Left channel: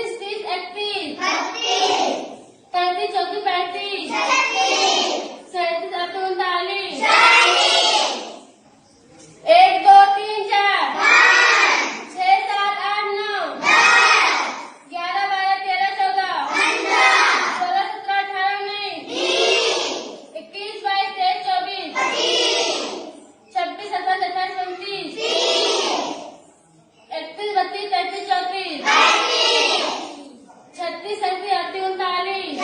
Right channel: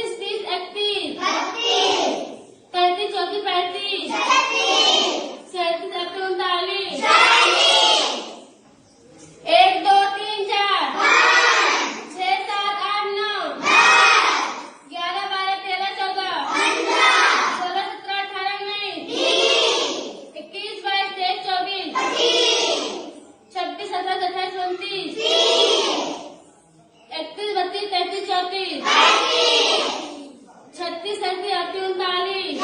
29, 30, 31, 33, 34, 35, 37, 38, 39, 1, 2, 3, 4, 6, 7, 8, 9, 11, 12, 13, 14, 16, 17, 18, 19, 21, 22, 23, 24, 26, 27, 28, 29, 31, 32, 33, 34, 36, 37, 38, 39,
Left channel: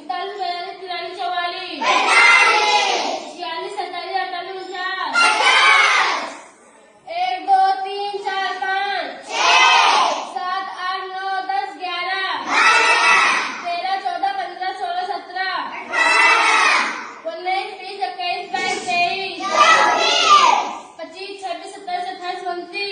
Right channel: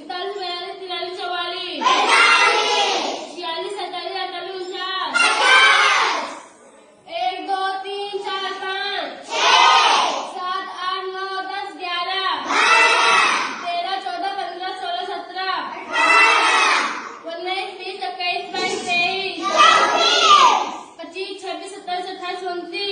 41, 42, 43, 44, 46, 47, 48, 49, 1, 2, 3, 4, 5, 7, 8, 9, 10, 11, 13, 14, 15, 16, 17, 19, 20, 21, 22, 23, 25, 26, 27, 28, 29,